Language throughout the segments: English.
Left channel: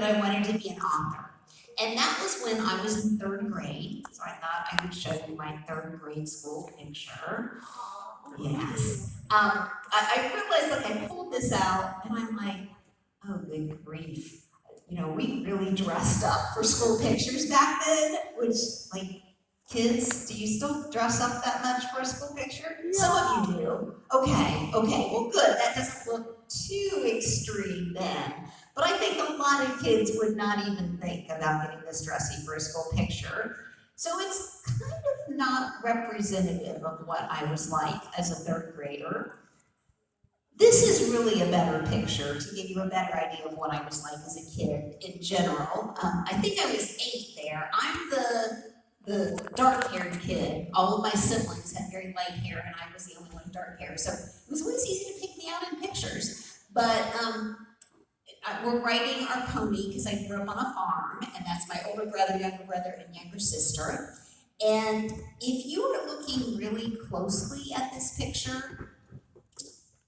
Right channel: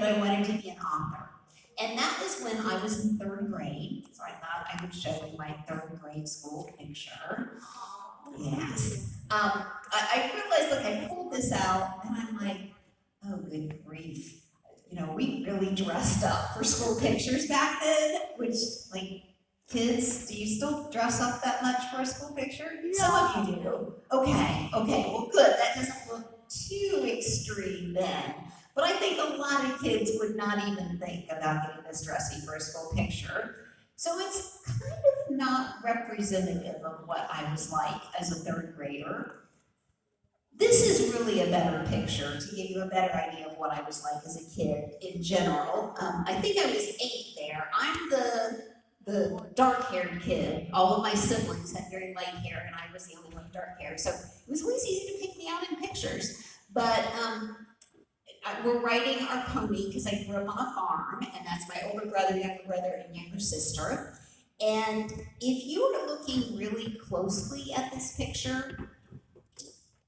that I wanted to be an author. And that was when I was in third grade. So I thought I would show you my third grade school picture. Yes. I realized, like, I pulled this out and I'm like, oh, good grief. You know, we really dressed up for school pictures back then, which, like, kids, do you still dress up that much for a school picture? No. Some of you do. Okay, well, good. That doesn't look too extreme then. But I think a lot of kids would not even think about getting this dressy for a school picture. So it's kind of not representative of what I was like as a third grader. This is really a better picture to give you a better idea of what I was like as a kid in general. I think I was 8 there. I'm the dark-haired kid. All of my siblings had very light hair, and I was the only one with dark hair. So it was always easy to pick me out in pictures. But we're riding our pony because I grew up on a farm, and that's my older brother, younger brother, and younger sister. And if you are looking really closely at this picture,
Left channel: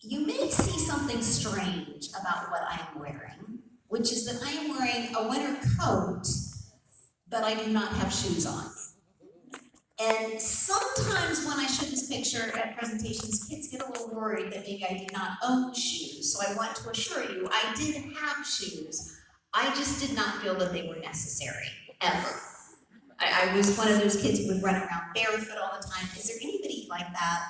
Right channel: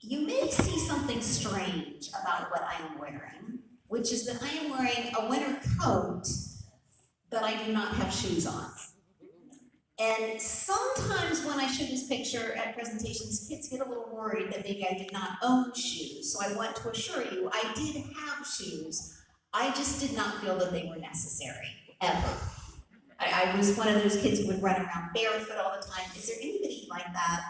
you may see something strange about what I am wearing, which is that I am wearing a winter coat, but I do not have shoes on. And sometimes when I show this picture at presentations, kids get a little worried that maybe I did not own shoes. So I want to assure you, I did have shoes. I just did not feel that they were necessary, ever. I was one of those kids who would run around barefoot all the time. Is there anybody like that?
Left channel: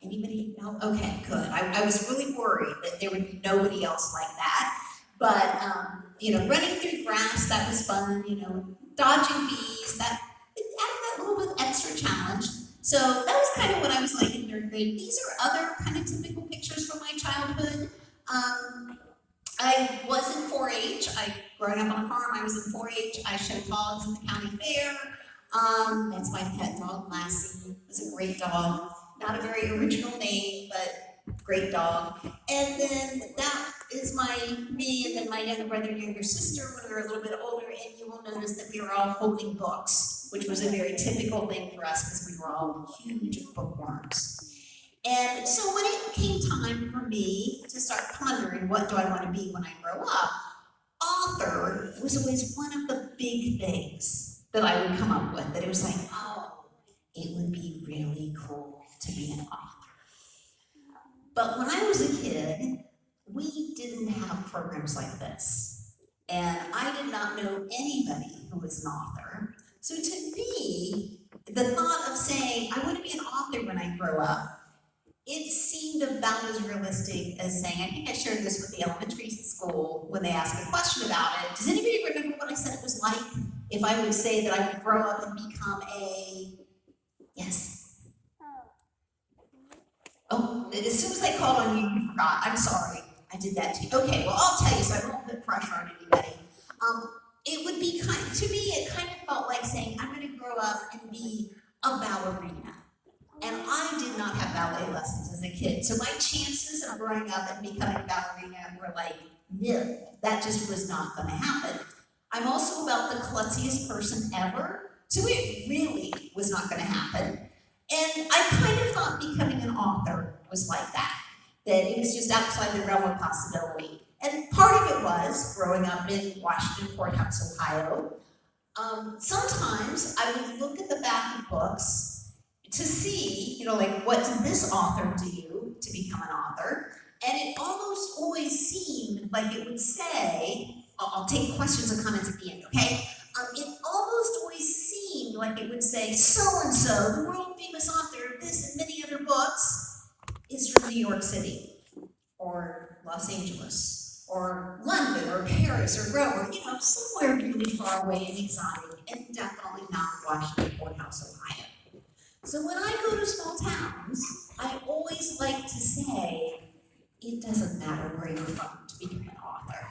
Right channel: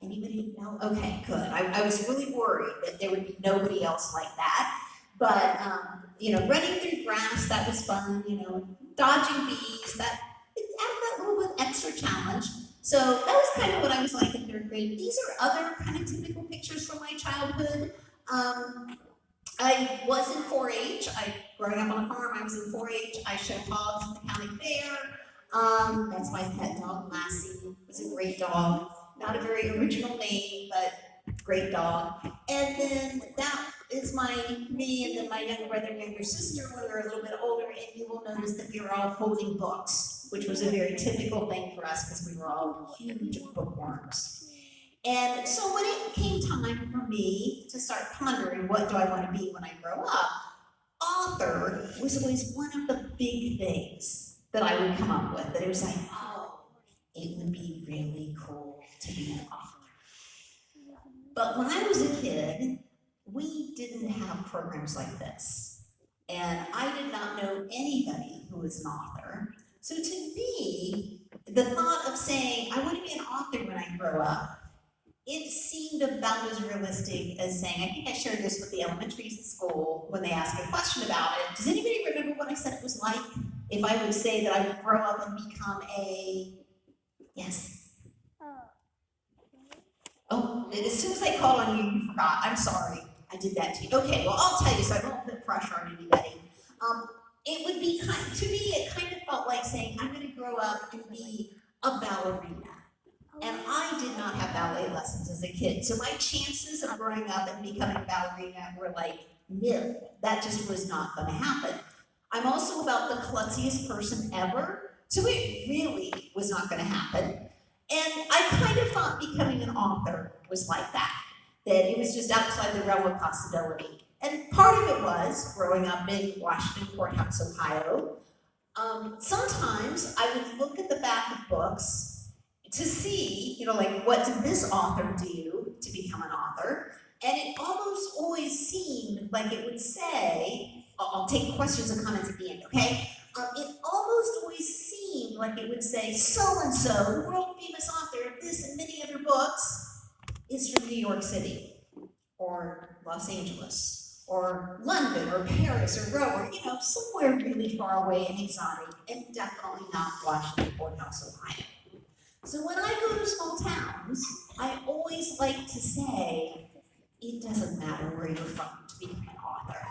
Anybody? No? Okay, good. I was really worried that there would be nobody else like that. But, running through grass, that was fun. Dodging bees, that added that little bit extra challenge. So that was kind of what I was like in third grade. These are other kind of typical pictures from my childhood. I was in 4-H. Growing up on a farm, I was in 4-H. I showed hogs in the county fair. That's my pet dog, Lassie. It's a great dog. Not a very original name, but great dog. And then that is me and then my younger brother and younger sister when we were a little bit older, and you will notice that we were all holding books, which was a very typical thing for us because we were all huge bookworms. And so when it came time for me to start pondering what do I want to be when I grow up, author was always one of the big things that I would come up with, that it was like, oh, it would be really cool to be an author. But when I was a kid, we didn't have programs like this. And I did not know anybody who was an author. So to me, the thought of saying, I want to be an author when I grow up, it seemed about as realistic as saying, I think I shared this with the elementary school when they asked a question about it. Does anybody remember what I said it was like if I would say that I would grow up and become yes? Oh, as soon as I called on you, you forgot. I'm sorry. I did that to you. Okay, well, I'll tell you so I don't put pressure on anybody. It would be to me, it kind of felt like saying, I'm going to grow up and be a ballerina. And I did not have ballet lessons as a kid. So my chances of growing up and becoming a ballerina were like nil. That just was not going to happen. I'm also about the klutziest person ever. So it really was not going to happen. And I kind of thought becoming an author was like that it was just outside the realm of possibility. And part of it was growing up in Washington Courthouse, Ohio. Sometimes I would look at the back of books to see, like, what did this author do to become an author? And it almost always seemed like it would say, I'll take questions and comments at the end, okay? It almost always seemed like it would say, so-and-so, the world-famous author of this and many other books, is from New York City, or Los Angeles, or London, or Paris, or Rome, or, somewhere really far away and exotic, and definitely not Washington Courthouse, Ohio. So when I go to small towns, I always like to say, it doesn't matter where you're from to become an author.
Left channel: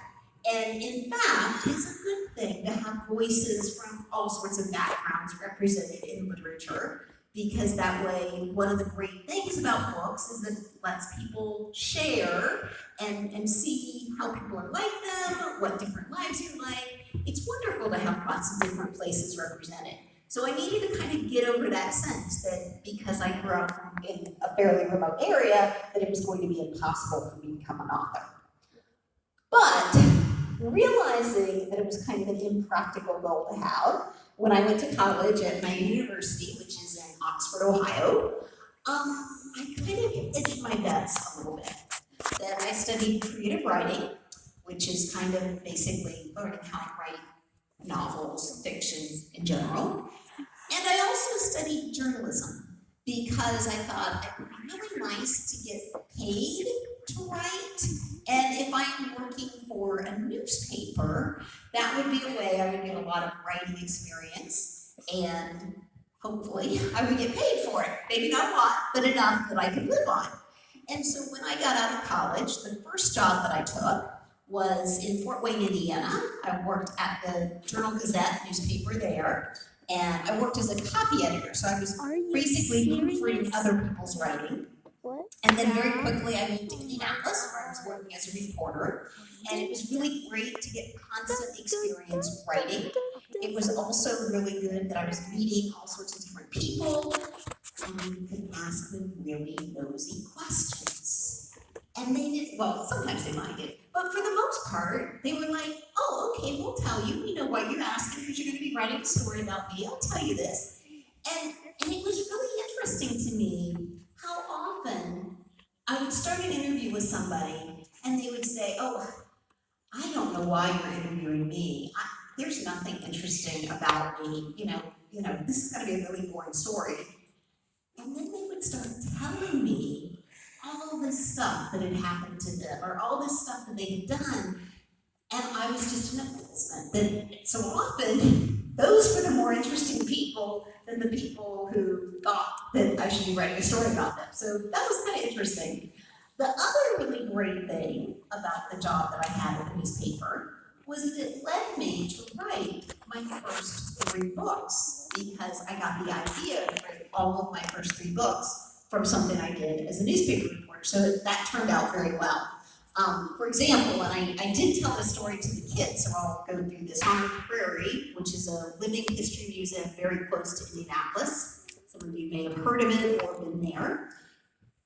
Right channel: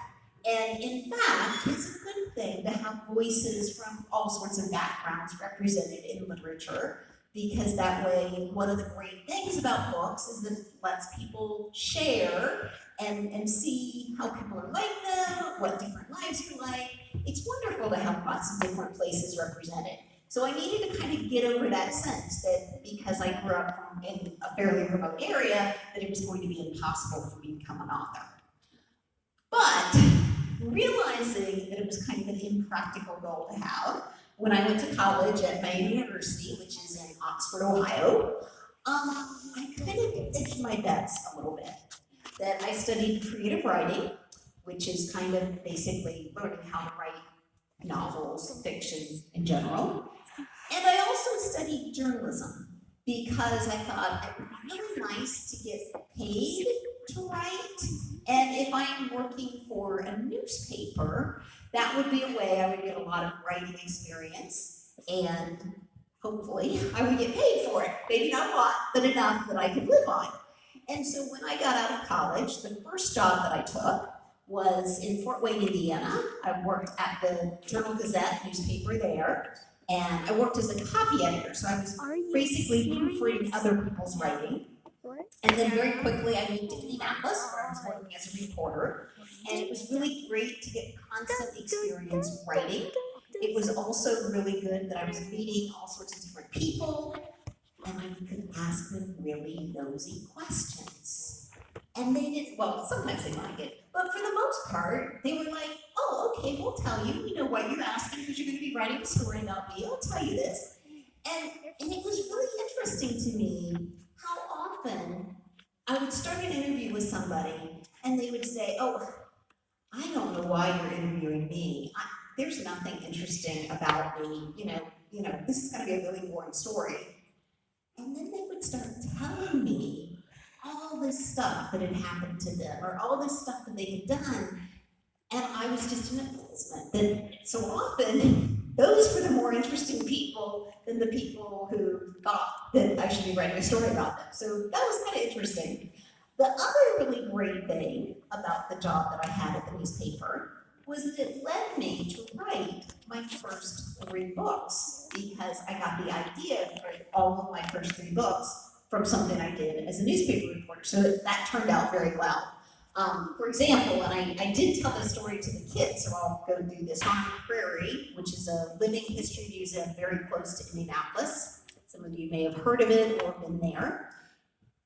And in fact, it's a good thing to have voices from all sorts of backgrounds represented in literature, because that way, one of the great things about books is that it lets people share and see how people are like them, what different lives you're like. It's wonderful to have lots of different places represented. So I needed to kind of get over that sense that because I grew up in a fairly remote area, that it was going to be impossible for me to become an author. But realizing that it was kind of an impractical goal to have, when I went to college at my university, which is in Oxford, Ohio, I kind of hedged my bets a little bit. That I studied creative writing, which is kind of basically learning how to write novels, fiction in general. And I also studied journalism because I thought it would be really nice to get paid to write. And if I'm working for a newspaper, that would be a way I would get a lot of writing experience, and hopefully I would get paid for it. Maybe not a lot, but enough that I could live on. And so when I got out of college, the first job that I took was in Fort Wayne, Indiana. I worked at the Journal-Gazette newspaper there, and I worked as a copy editor, so I was basically proofreading other people's writing. What? And then very quickly I moved to Indianapolis, where I was working as a reporter, and it was really great to get constant experience writing. It was also really good that I was meeting all sorts of different people, and you could ask them really nosy questions. And they did, well, sometimes they minded, but for the most part, they were like, oh, okay, we'll tell you. We know why you're asking, because you're going to be writing a story about me. I'll tell you this. And it was really interesting to me how often I would start an interview with somebody, and they would say, oh, I don't know why you're interviewing me. There's nothing interesting about me. This is going to be a really boring story. And then they would start telling me all this stuff that had happened to them, or all this stuff that they had done, and I was just in amazement that so often those were the more interesting people than the people who thought that I should be writing a story about them. So that was kind of interesting. The other really great thing about the job that I had at the newspaper was that it led me to write my first 3 books, because I got the idea to write all of my first 3 books from something I did as a newspaper reporter. So that turned out very well. For example, and I did tell this story to the kids, so I'll go do this. On Prairie, which is a living history museum very close to Indianapolis. Some of you may have heard of it or been there.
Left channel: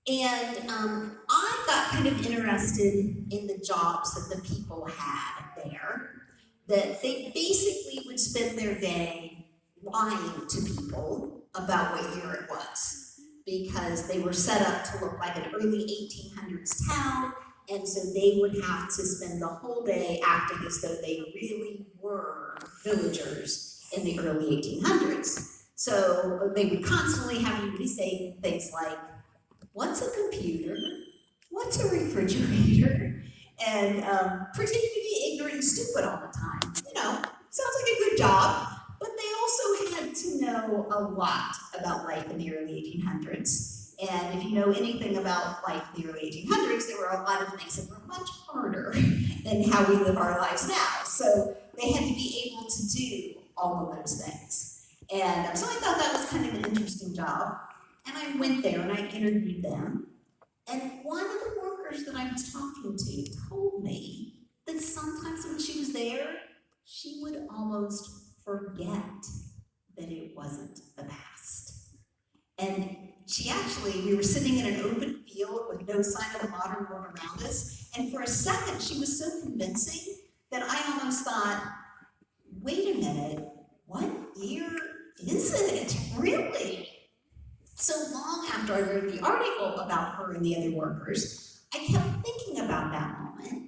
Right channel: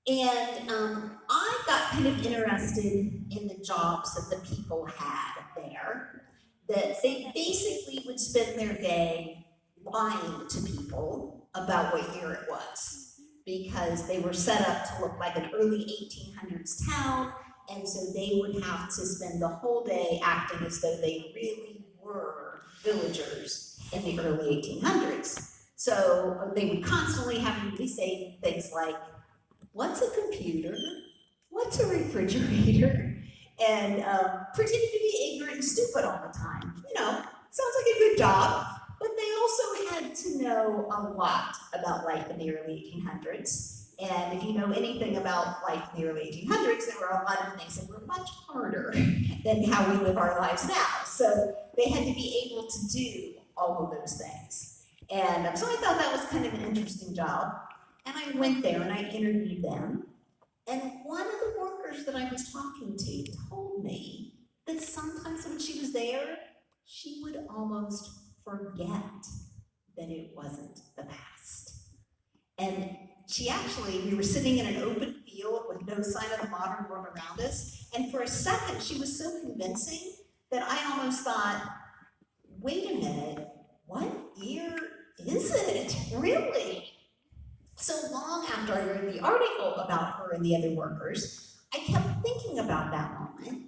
And I got kind of interested in the jobs that the people had there, that they basically would spend their day lying to people about what year it was, because they were set up to look like an early 1800s town, and so they would have to spend the whole day acting as though they really were villagers in the early 1800s. So they would constantly have me say things like, what's a computer? What's a refrigerator? And pretending to be ignorant and stupid all the time. Sounds like a good job, but they also had to know a lot about life in the early 1800s. And if you know anything about life in the early 1800s, there were a lot of things that were much harder than how we live our lives now. So they had to be able to do all of those things. And so I thought that was kind of an interesting job. And I went there and I interviewed them. And one of the workers that I was talking to told me that sometimes when she was there, she would almost forget that it wasn't the past. And we were sitting in an open field with no sign of the modern world around us. And for a second, she was so convincing that I almost thought, wait a minute, what year is it? Really? So long after I wrote the article about her and the other workers, I kept thinking about that moment,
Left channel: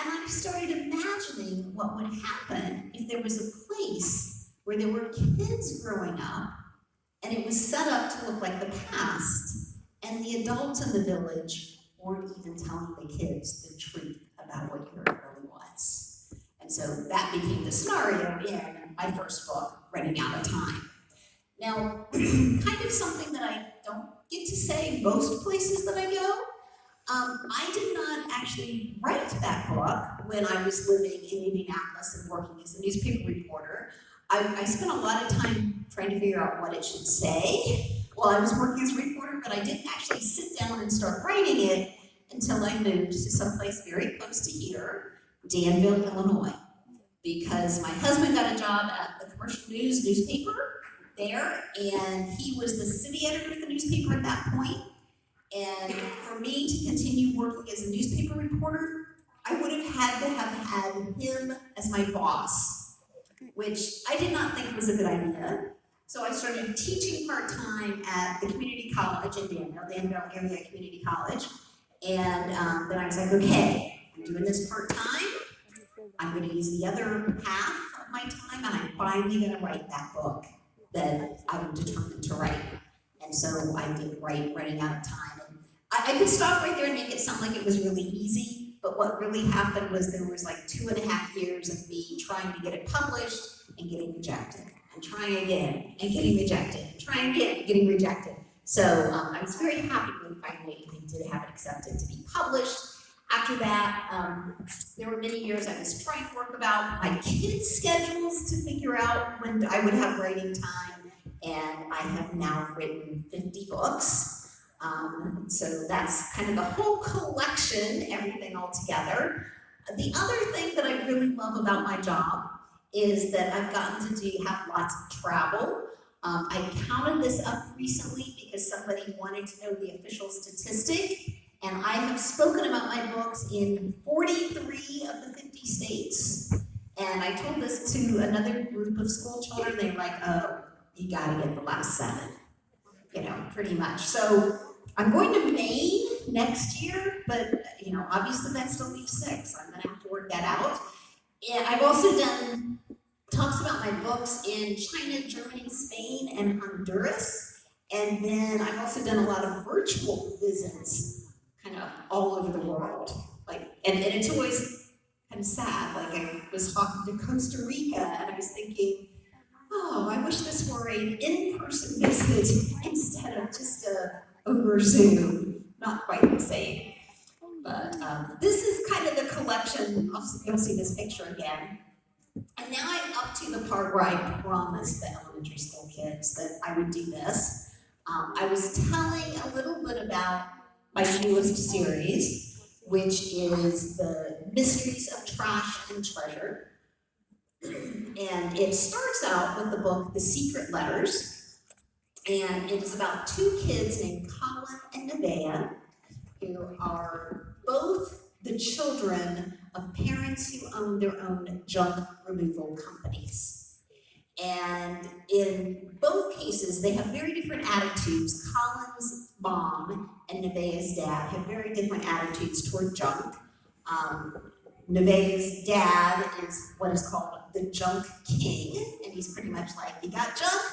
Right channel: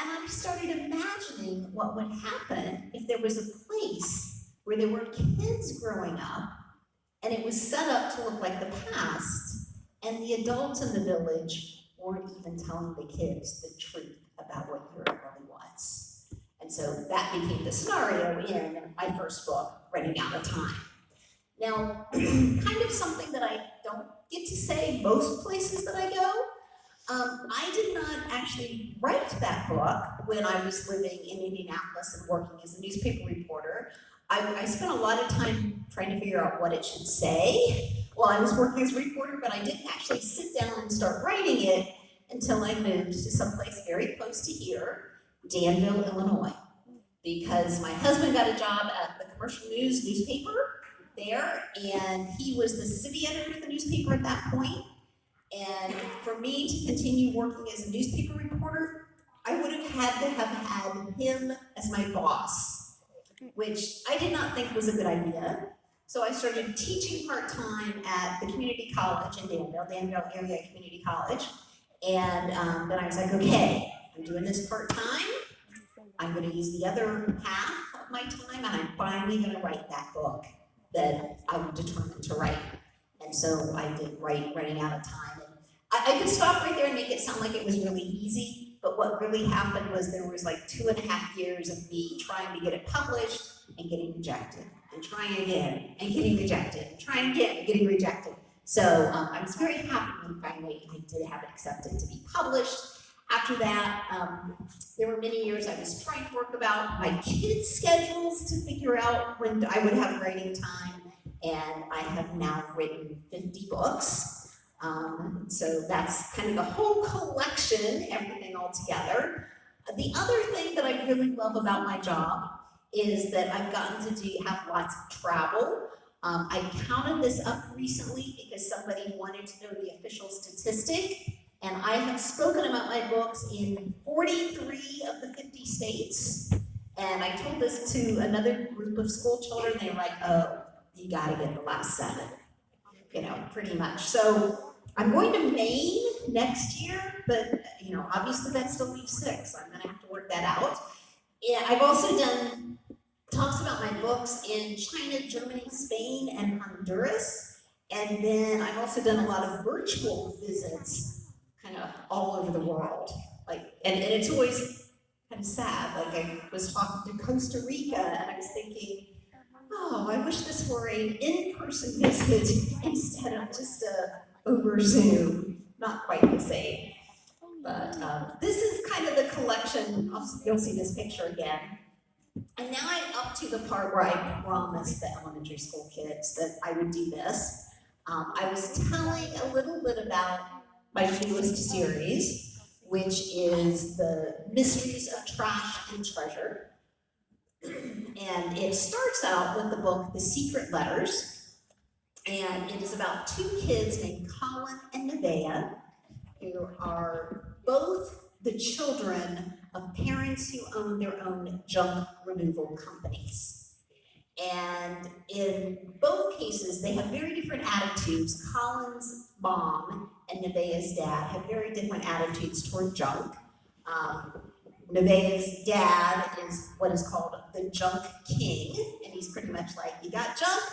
and I started imagining what would happen if there was a place where there were kids growing up, and it was set up to look like the past, and the adults in the village weren't even telling the kids the truth about what Europe really was. And so that became the scenario in my first book, Running Out of Time. Now, kind of something that I don't get to say most places that I go, I did not actually write that book when I was living in Indianapolis and working as a newspaper reporter. I spent a lot of time trying to figure out what it should say while I was working as a reporter, but I didn't actually sit down and start writing it until I moved to someplace very close to here, Danville, Illinois, because my husband got a job at the Commercial News newspaper there, and he was the city editor of the newspaper at that point. And for me to continue working as a newspaper reporter, I would have had to have had him as my boss, which I did not think was a good idea. So I started teaching part-time at the community college in Danville Area Community College. And then I was like, okay, I'm doing this part-time. I'm going to use the other half of my time, and I'm finally going to write that book that I'm determined to write. And so I did running out of time. And I could stop right there and make it sound like it was really easy, but what really happened was there was like 2.5 years of me trying to get it published and getting rejected, and trying again and getting rejected, and trying again and getting rejected. So I was very happy when finally I did have it accepted to be published. After that, there were many years I was trying to work about my kids' schedules to figure out when I would have writing time, and I have now written 50 books. So that's kind of the whole collection, everything all together. The other thing that I really love about my job is that I've gotten to have lots of travel. I counted this up recently because somebody wanted to know the official statistic. And I have spoken about my books in 43 of the 50 states. And I told this to another group of school children. They're like, oh, you gotta get the last 7, pretty much. So I'm going to Maine next year, but obviously that still leaves 6. So I'm gonna have to work that out. And I've also done talks about my books in China, Germany, Spain, and Honduras. And then I've also done a lot of virtual visits kind of all over the world. And it's always kind of sad. Like I was talking to Costa Rica and I was thinking, oh, I wish this were an in-person visit instead of just over Zoom. Not quite the same. But this is kind of the collection. You'll see this picture again. And now I'm up to the part where I promised the elementary school kids that I would do this. I was telling a little bit about my newest series, which is the Mysteries of Trash and Treasure. And it starts out with the book, The Secret Letters. And it is about 2 kids named Colin and Nevaeh, who are both the children of parents who own their own junk removal companies. And in both cases, they have very different attitudes. Colin's mom and Nevaeh's dad have very different attitudes toward junk. Nevaeh's dad is what is called the junk king, and he's pretty much like, you got junk?